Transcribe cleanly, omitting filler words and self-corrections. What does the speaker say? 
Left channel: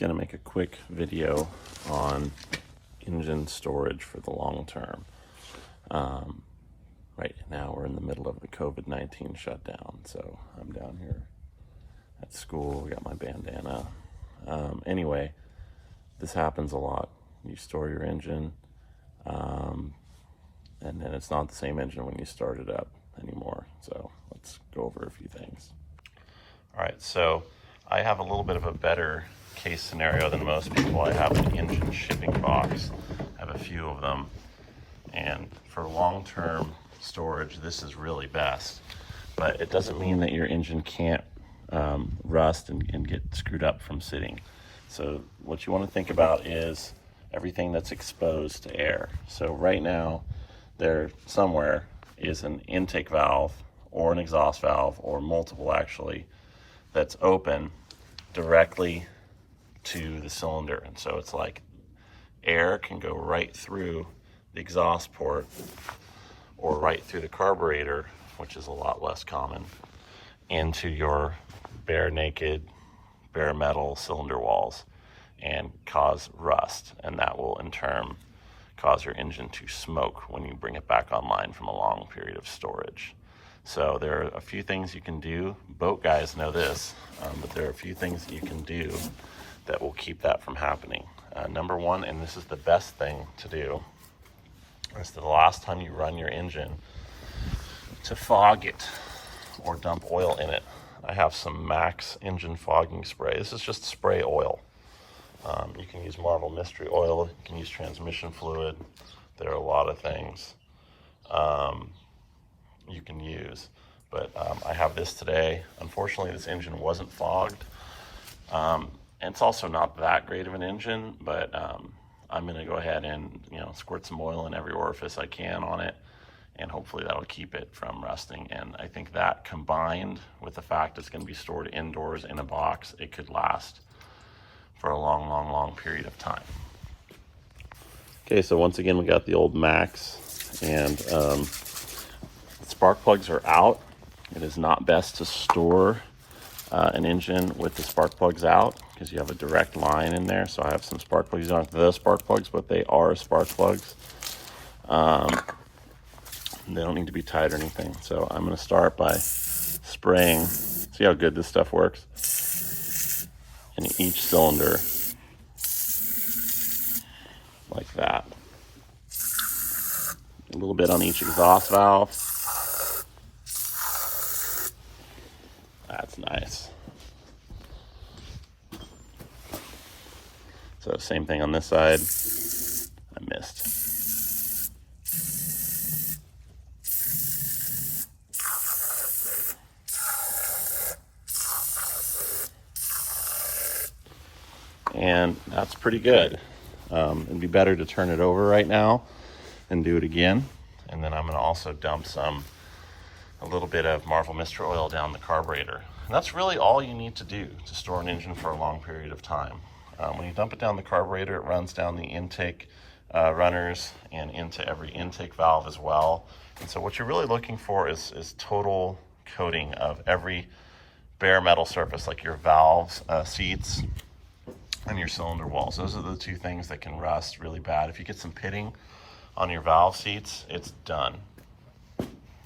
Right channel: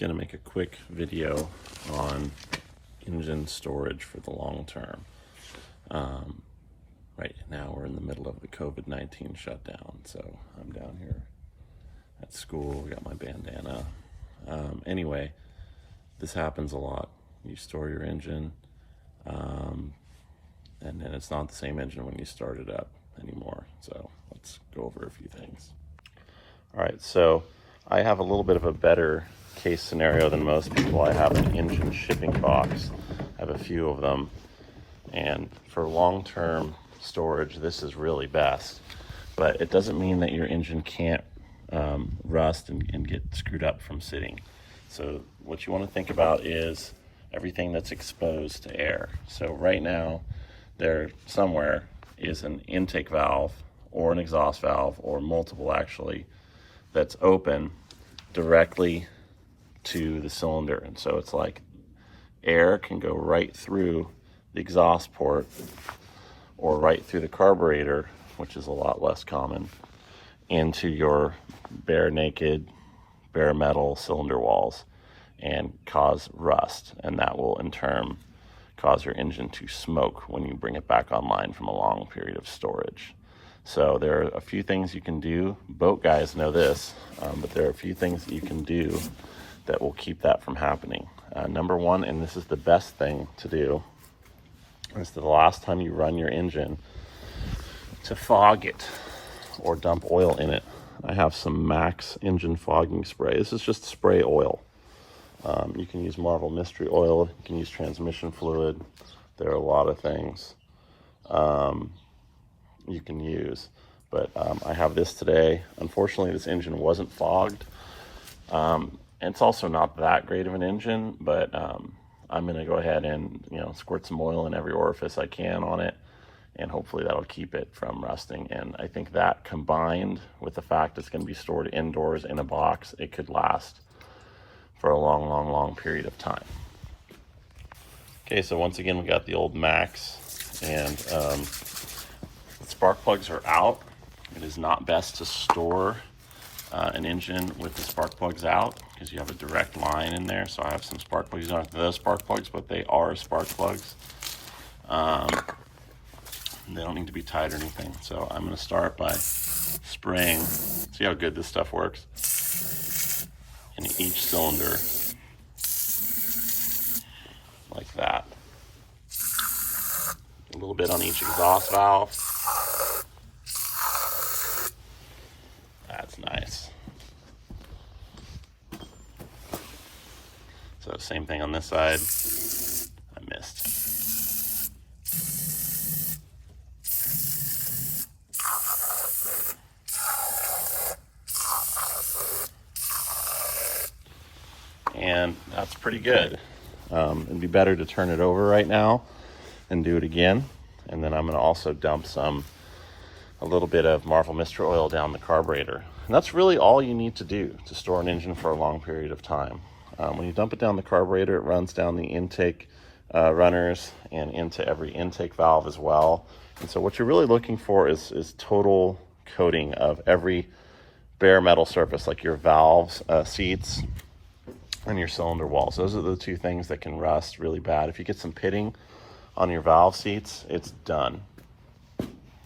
Gonna make a quick video on engine storage for the long term. Right now we're in the middle of the COVID-19 shutdown, so I'm down here at school, got my bandana. Anyway, this happens a lot. You store your engine, and then it's not the same engine when you start it up anymore. So let's go over a few things. All right, so I have a little bit of a better case scenario than most people. I have an engine shipping box. I have a few of them, and for long-term storage, this is really best. But it doesn't mean that your engine can't rust and get screwed up from sitting. So what you want to think about is everything that's exposed to air. So right now, there somewhere is an intake valve or an exhaust valve, or multiple actually, that's open directly to the cylinder. And so it's like air can go right through the exhaust port or right through the carburetor, which is a lot less common, into your bare metal cylinder walls and cause rust. And that will in turn cause your engine to smoke when you bring it back online from a long period of storage. So there are a few things you can do. Boat guys know this, but there are a few things that you can do that will keep that from happening. Number one, and this is the best thing to do, is the last time you run your engine to fog it or dump oil in it. I have some Max engine fogging spray. This is just spray oil. You can use Marvel Mystery Oil, you can use transmission fluid. There are a lot of things you can use, but I have this today. Unfortunately, this engine wasn't fogged. It's also not that great of an engine, but I'm gonna go ahead and squirt some oil in every orifice I can on it, and hopefully that'll keep it from rusting. And I think that, combined with the fact it's gonna be stored indoors in a box, it could last for a long period of time. Okay, so once again, we got the old Max, and spark plugs are out. It is not best to store an engine with the spark plugs out, because you have a direct line in there. So I have some spark plugs. These aren't the spark plugs, but they are spark plugs. They don't need to be tied or anything. So I'm going to start by spraying. See how good this stuff works? In each cylinder, like that. A little bit on each exhaust valve. That's nice. So same thing on this side. I missed. And that's pretty good. It'd be better to turn it over right now and do it again. And then I'm gonna also dump a little bit of Marvel Mystery Oil down the carburetor. And that's really all you need to do to store an engine for a long period of time. When you dump it down the carburetor, it runs down the intake runners and into every intake valve as well. And so what you're really looking for is total coating of every bare metal surface, like your valves, seats, and your cylinder walls. Those are the two things that can rust really bad. If you get some pitting on your valve seats, it's done.